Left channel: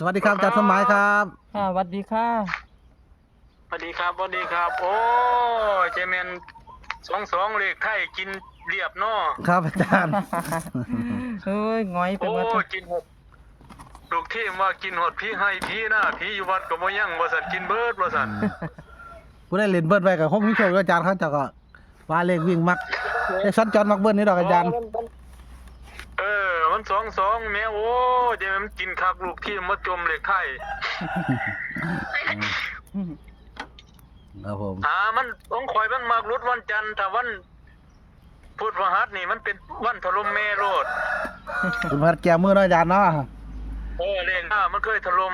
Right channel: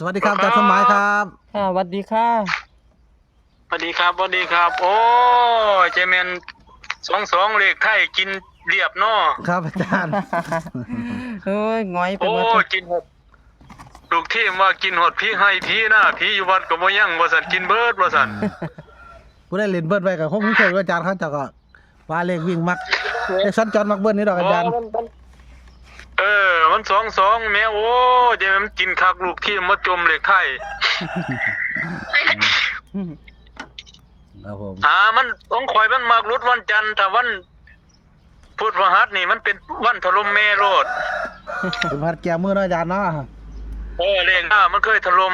สวัสดีครับอาจารย์สมหมายครับค่ะสวัสดีค่ะสวัสดีครับสวัสดีครับโอ้เจแมน22เลขไทยกินเรียบเนาะครับอาจารย์ เอ้ยง้อยไป โอ้ หมดเลย กินหดลูกทีมว่ากินหดพี่ให้พี่นะพี่อยู่วัดก็บ่ยังว่าซั่นกินเบิดว่าซั่น ผู้ได้เล่นเบิ้ลไปกับผมโชคอาจารย์เขาเจะก็ว่าเลขวิ่งมักไอ้สัญจรมักเบิ้ลนี่ดอกอาจารย์ มัน22แม่โอ้เจแมนกินคักลูกทีมมาจมเลขไทย ครับผม มันของข่อยมันมักรุดวันจันทร์ถ้าวันพุธพฤหัสนี่มันเป็นวันถล่มแม่โลด เป็นพัดแก้มือเนาะอาจารย์เนาะ เลขหน้ามันเคยถล่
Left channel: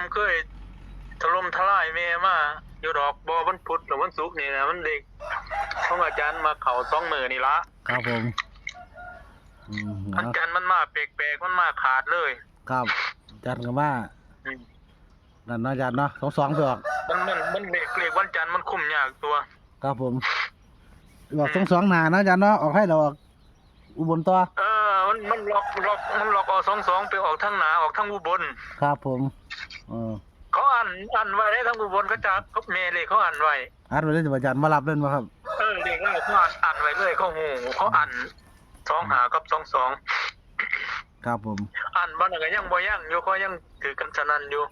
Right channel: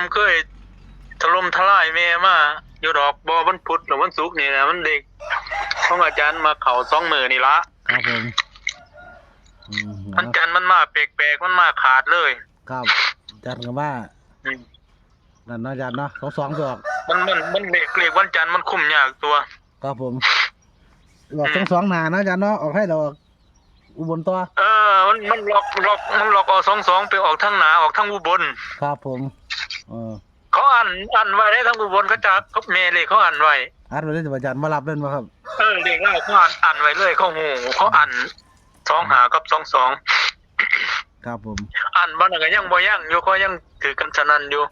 มทลายแม่มาอยู่ดอกบ่วันพุธหรือวันศุกร์นี่นะมันเด็กของอาจารย์มาเข้า2มื้อนี่ละ ครับผมอาจารย์มันมาแปลกๆมันมาขาดเลย ครับอาจารย์ก็ว่า อืม นั่นเนาะอาจารย์เนาะ22ไปออก มันเลขวันจันทร์มันคุ้มยากตัว ครับผมออก22หน้าเนาะอาจารย์เนาะออกให้เราออกอุบลตัว มันล็อกเอา22ไปออกทางหนาออกทางอุบล ครับผมเขาอ่านไว้ได้ทางอุบลเขาจะเขาแม่เลขเขาอ่านไว้ อาร์ตไปเล่นอาจารย์มารับเล่นมาครับ เลขเล่าเขาอ่านไว้เลยเขาโหเขาอ่าน25กับ22ครับผม อ่านบ่นั่นก็ยังบ่ยังอยู่ก็ยังถือกันสนั่นอยู่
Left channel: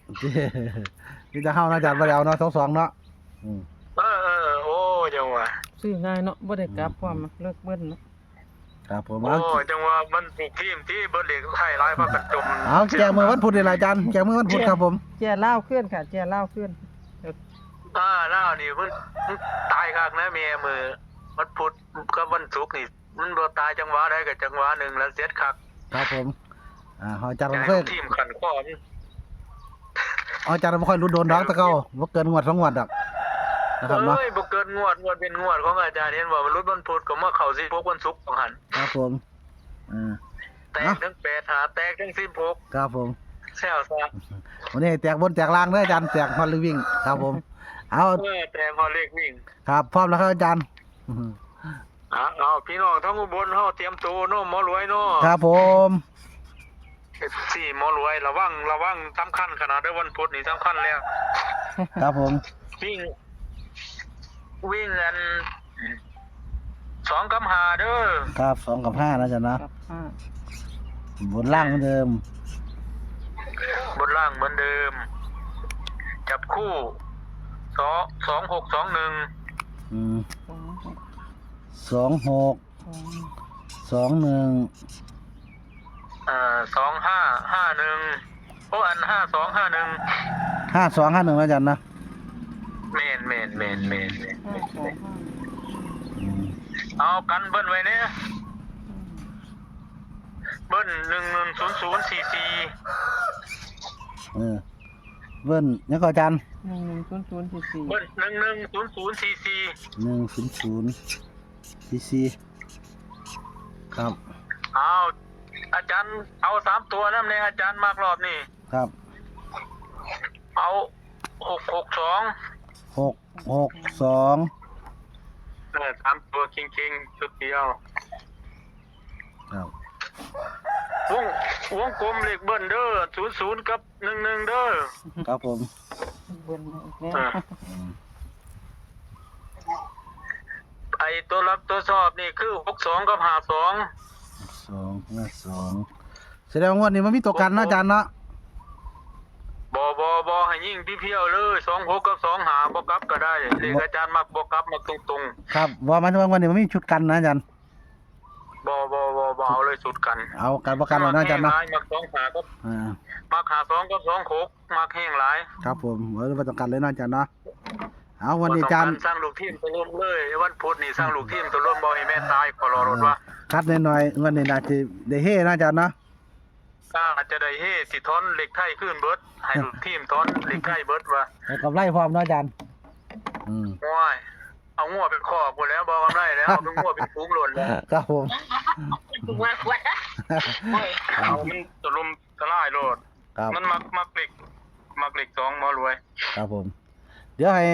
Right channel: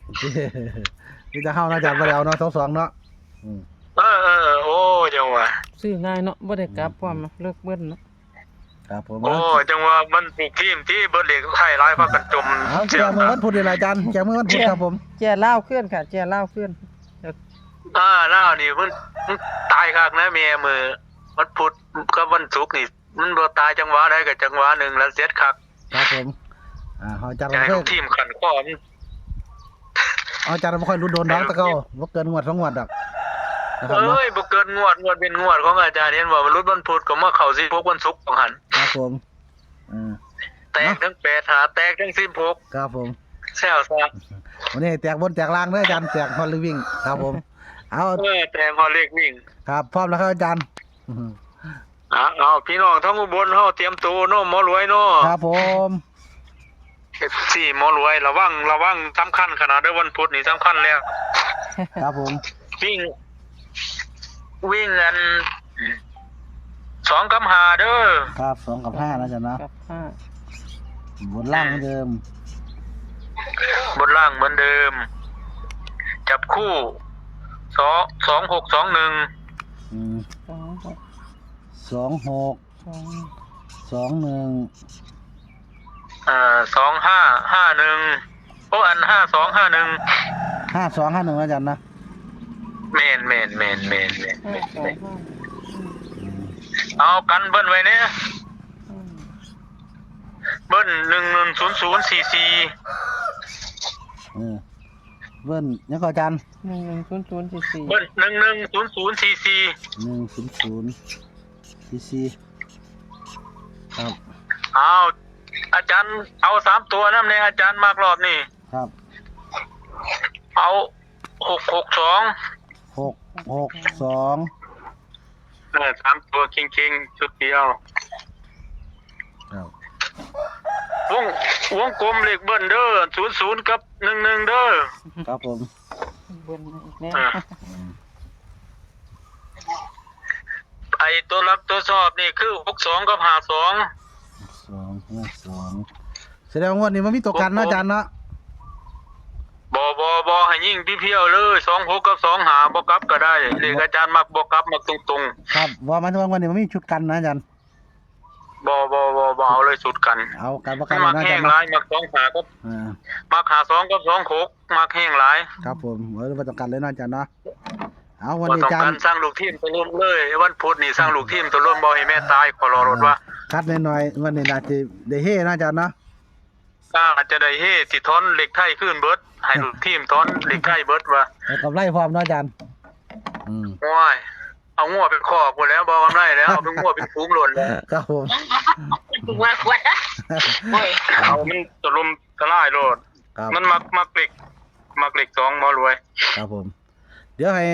นี่จะเข้าเนาะอาจารย์มาแล้วเนาะ22เนาะโอ้จังว่า ซื้อง่ายเนาะบ่ได้กลับพร้อมเลิกเบิ้ลเนาะ ครับผม โอ้จังว่ามันถูกทีมที่เบิดเลขไทยหลายพากันจม เอาแกมือวันพุธนี่แหละอาจารย์แกมือวันพุธครับผม แก่เล่าวขึ้นค่ะแก่เล่าวขึ้น ล่าวนี่มันตายคักนะแม่มือวันพุธกับวันศุกร์นี่มันบ่ตายจังหวะใดก็จังหวะหนึงแล้วเสียดคัก ครับผมอาจารย์ ให้ ไม่ค่อย ทีมขันข้อมัน อาจารย์ไม่ค่อยรู้โดนดอกตะเก้าบ่เกินงวด2งวดดอกนะครับเนาะ บ่เกินงวดเป็นงวดของอาจารย์เห็นว่ามันรุดวันพุธก็มาเข้า16วันศุกร์ของหัน ครับผมแตกทั้ง8หาแตกทั้ง16ครับผม แซวซะ วันนี้แตกบนแตกล่างเด้ออาจารย์แตกฮอลลีวิ่งครับผมเอา แต่พอเลขวิ่ง ครับพร้อมแล้วครับอาจารย์ เอาพี่น้องทั้งอุบลเฮาเตรียมตัวเนาะหมอรวยเนาะ ครับผม สี่หมอรวยระวังสำคัญขนาดเด้อวันพุธนี่สำคัญแล้ว ครับผม วิ่งกัน2กับ5เด้อ ครับ2กับ5นะอาจารย์นะ กับ5บนล่างเหมือนเดิม บนล่างเหมือนเดิม จับคู่2621 26 21 2551โอ้อัน5251 5251นะอาจารย์นะแม่นเอากันเบิ้ลไว้เนี่ยเบิ้ล110044เบิ้ลยังก็อาจารย์110044เบิ้ล110044 10044ครับ เอาอาจารย์เอา3ตัวนำในอาจารย์มากรอบนี่ ครับ เอา662 662 3ตัวคิงๆชุดเดียว ครับ วงกลมเลขเบิ้ลเด้อ00กับ11เด้อ ครับผม เบิ้ลอีกแล้ว ไอตัวรับตัวสอบนี่คือ62กับ52 252แสดงว่าวันนี้มันมีตัวกันเนาะอาจารย์เนาะ บ่ให้ยิ่งพี่เพียวเลย26กับ25บ่กลับก็ได้เลขอาจารย์มักบ่กลับมักตรง ครับว่ามันวันนี้มันมีชุดกันนะอาจารย์ ๆบ่เอาเลยสุดกัน เอาการประกันแล้วนะอาจารย์เนาะ มัก25กับมัก52กับ26มักแห้งหลาย ครับผมเราประกันเลยนะอาจารย์เนาะเอาวันนี้อาจารย์ สร้างลูกทีมตัวร่วมเลยวันพุธนี่สร้างลูกทีมตัวร่วมบ่ให้แม่ตายขอรอรถว่า คัดหน่อยๆวันนี้น่าจะได้เฮนะอาจารย์เนาะ อาจจะได้เฮสิทอนเหล็กไทยขึ้นเบิดให้ลูกทีมทอนเหล็กไทยเบิดว่า เอากับไล่พร้อมนะอาจารย์โอ้ยเอางัวเป็นคอกหมดแล้วบ่กันได้แล้วเอาเป็นงัวเป็นฟูงหล่นแล้ว ครับผม เอามันตะลมตะล่ายโลด ครับ มันมักเหล็ก2หมอรวย ครับผม เดี๋ยวให้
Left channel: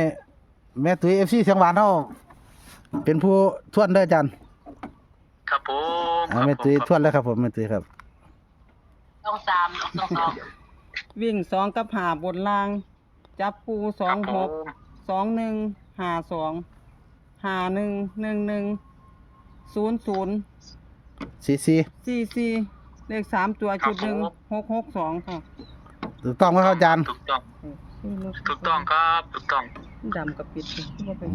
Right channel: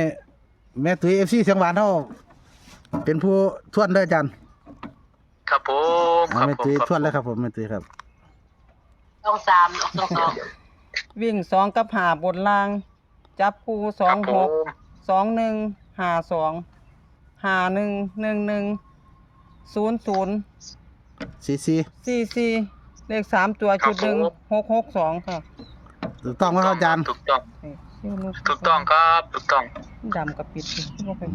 แม่ตุ้ย FC เสียงหวานเฮาเป็นผู้ทวนเด้ออาจารย์ ครับผม แม่ตุ้ยทวนเลยครับผมแม่ตุ้ยครับ ต้อง3ต้อง2 วิ่งสองกับหาบนล่าง จับปูสอง ครับ ห ผ ก ม 2152511100 ซีซี 44เลข3ตัวชุดหนึ่ง662ค่ะ ถูกต้องไหมครับอาจารย์ ถูกต้อง นี่มัน ถูกต้องครับถูกต้อง ดำกับปิดบ่เป็น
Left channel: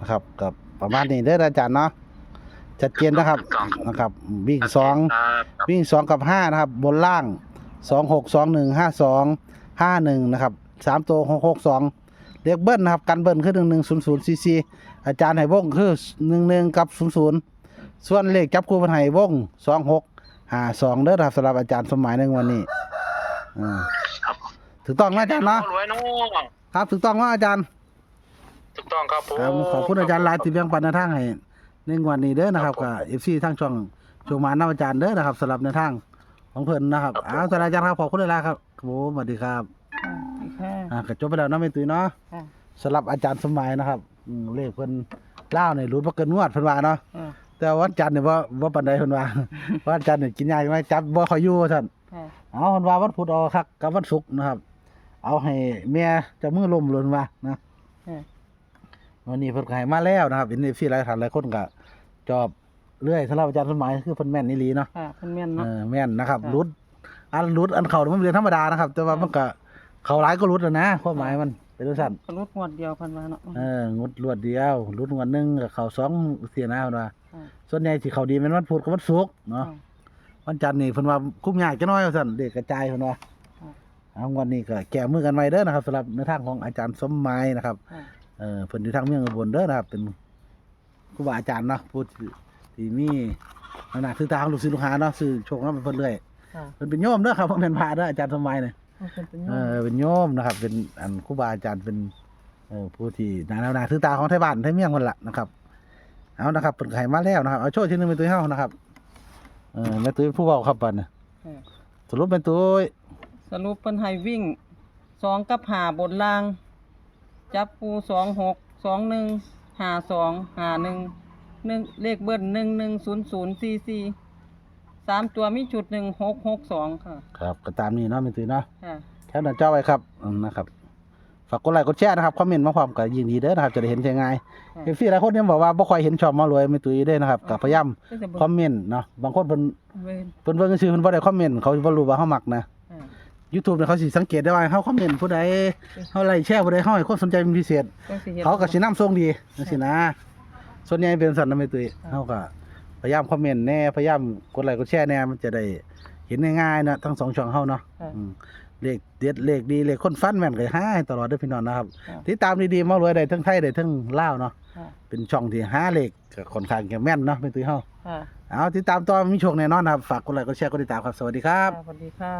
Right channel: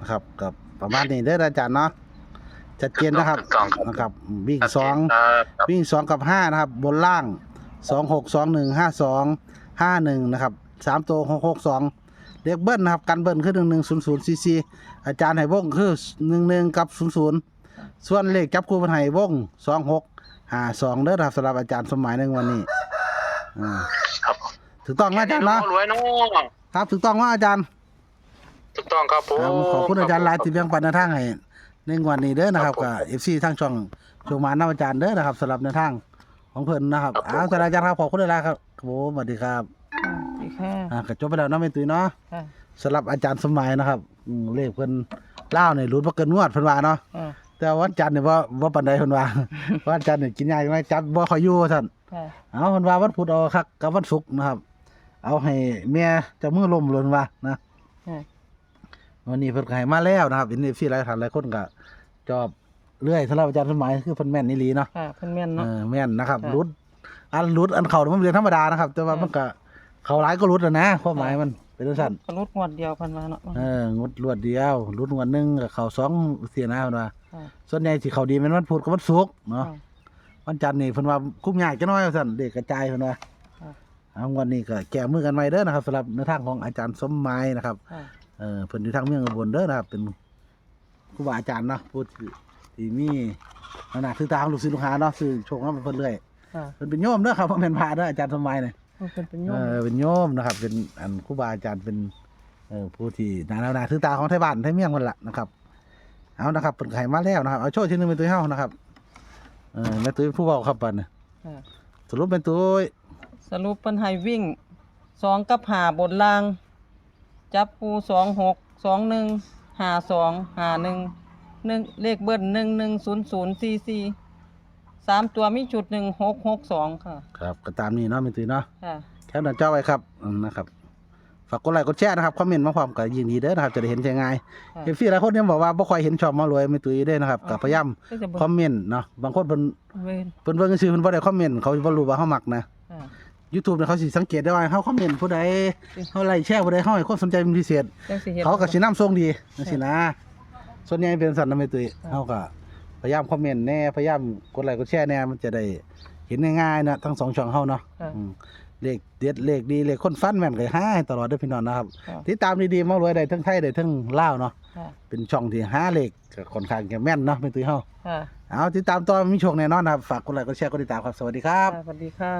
นะครับกับประมาณนี้เด้ออาจารย์เนาะชัดเจนนะครับ ถูกต้องครับ นะครับวิ่งสอง ครับ วิ่ง2กับ5นะครับบนล่าง26215251นะครับ3ตัว662เลขเบิ้ลนะครับกันเบิ้ลคือ1100 cc อาจารย์ให้วงคือ11กับ00ส่วนเลขจับคู่เพิ่นให้วง2652เด้อครับสำหรับอาจารย์สมหมายในวันนี้ครับ ถูกต้องนะอาจารย์เนาะ รวยเนาะ ครับถูกต้องว่าอาจารย์ ถูกต้องครับผม ครับขอบคุณอาจารย์หลายที่แบ่งปันแนวทางให้ในวันนี้เด้อนะครับกับ FC ทางช่องโชว์มานำอาจารย์เด้อนะครับสำหรับแนวทางของเพิ่นนะครับอาจารย์ครับขอบคุณหลายๆครับผมสวัสดีครับ อีกแค่ ก็จบไปแล้วเนาะแม่ตุ้ยเนาะ ค่ะ สำหรับอาจารย์สมัยนะครับเลขเพิ่นเล่าเนี่ยรุดบ่เกินงวดเพิ่นว่าเนาะ ค่ะ แต่วันจันทร์เนี่ยบ่ปานใดเพิ่นว่า วันจันทร์เนี่ยกินยาอยู่ไหมจับบ่ค่อยอยู่ว่าซั่น ค่ะ เอาเพิ่นว่าวันพุธเอาคักกับวันศุกร์นะครับ เอาให้แม่เจะมือล้มหล่นว่านะ ค่ะ วันนี้เพิ่นก็ให้มาแล้วนะครับ NFC หลายท่านหลายคนก็ชอบเรื่อยสำหรับอาจารย์สมัยคือเพิ่นแม่นอีหลีเนาะ ค่ะเพิ่นแม่นเนาะ แม่นนะครับ ค่ะ รุดอันเข้ามันเป็นเรื่องธรรมดานะครับ แต่ว่ามันก็เข้าหลายก็รุดอะนะความหมายมันเป็นจังซั่น สรุปงวดเดียวเพิ่นว่าเนาะ งดรวดเดียวรุดงวดหนึงก็เข้า2เสียนะเพิ่นว่า ค่ะ ส่วนใหญ่สิเข้าดีแม่นวันพุธกับวันศุกร์เนาะ ค่ะ วันจันทร์นี่เพิ่นว่าคุ้มยากจักหน่อยว่าซั่นเด็กกระจายเพิ่นว่า ค่ะ เอาวันนี้ก็แก้มือกันใหม่เด้อนะครับสำหรับในทางของอาจารย์สมหมายนะครับ ค่ะ เพิ่นอยู่ทางเมืองอุบลเด้อนะครับ เป็นครูบาอาจารย์เนาะผู้ที่มีขนาดคือตาของลูกศิษย์ลูกหาเนาะคือโชคมาเพิ่นเรื่อย ค่ะ เพิ่นเป็นโยมเด้อครับบ่แม่นพระเด้ออาจารย์สมหมายเนี่ย เพิ่นเป็น เป็นโยมนะครับ เป็นอันครูบาอาจารย์เป็นผู้ที่นาคือตาของไทบ้านไทเมืองเพิ่นล่ะนะครับ เอานะครับเพิ่นก็ให้มาแล้วนะครับเอาโชว์ชิ้นหนึงเป็นตัวเฮานะครับแม่ตุ้ยผู้เว้าครับบัดน่ะ ค่ะ สรุปเป็นตุ้ย สรุปเพิ่นให้วิ่ง2กับ5บนล่าง จับปู26515251เลขเบิ้ล110044 3ตัวมีชุด1662ค่ะ ครับก็ตามนี้เนาะแม่ตุ้ยเนาะ ค่ะ แคปหน้าจอไว้ครับนะครับฝากกดไลค์กดแชร์นะครับคอมเมนต์มาพร้อมกับยินดีเด้อนะครับจะได้เห็นใช่ง่ายเอฟซีหลายคนยังบอกว่าบ่ค่อยเห็นช่องมารวยไม่ตุ้ยเด้อนะครับก็พยายาม ก็จะ คอมเมนต์เนาะบางคนเพิ่น เว้น เพิ่นเบิ่งซื่อๆเพิ่นบ่ได้คอมเมนต์เขาบ่รู้ว่าเฮามักนะ ค่ะ YouTube เนี่ยเขาสิสังเกตได้ว่าเฮาคอมเมนต์ผู้ใดเฮาไลค์แชร์ผู้ใดเฮาให้คนสนใจเป็นพิเศษ จังสิเฮ็ด เขาก็สินำส่งดีจังซี่นะส่วนใหญ่เป็นสั่นนะไม่ตุ้ยเฮาก็พยายามคอมเมนต์แน่พยายามกดไลค์กดแชร์แน่มันจะได้เห็นง่ายๆนะทั้งสองช่องเฮาเนาะ ค่ะ เลขเด็ดเลขดีเลขคนฟันแม่นก็หาให้ตลอดเด้อพี่น้องนะครับ ค่ะ ติดตามดีๆมารวยได้ทั้งไทยได้ทั้งลาวเนาะ ค่ะ เป็นช่องที่หาเลขก็ค่อนข้างจะแม่นเนาะเป็นตุ้ยเฮา ค่ะ เอาติดตามต่อมีโชคแน่นอนนะครับฝากกดไลค์กดแชร์กดติดตามครับสวัสดีครับ สวัสดีค่ะ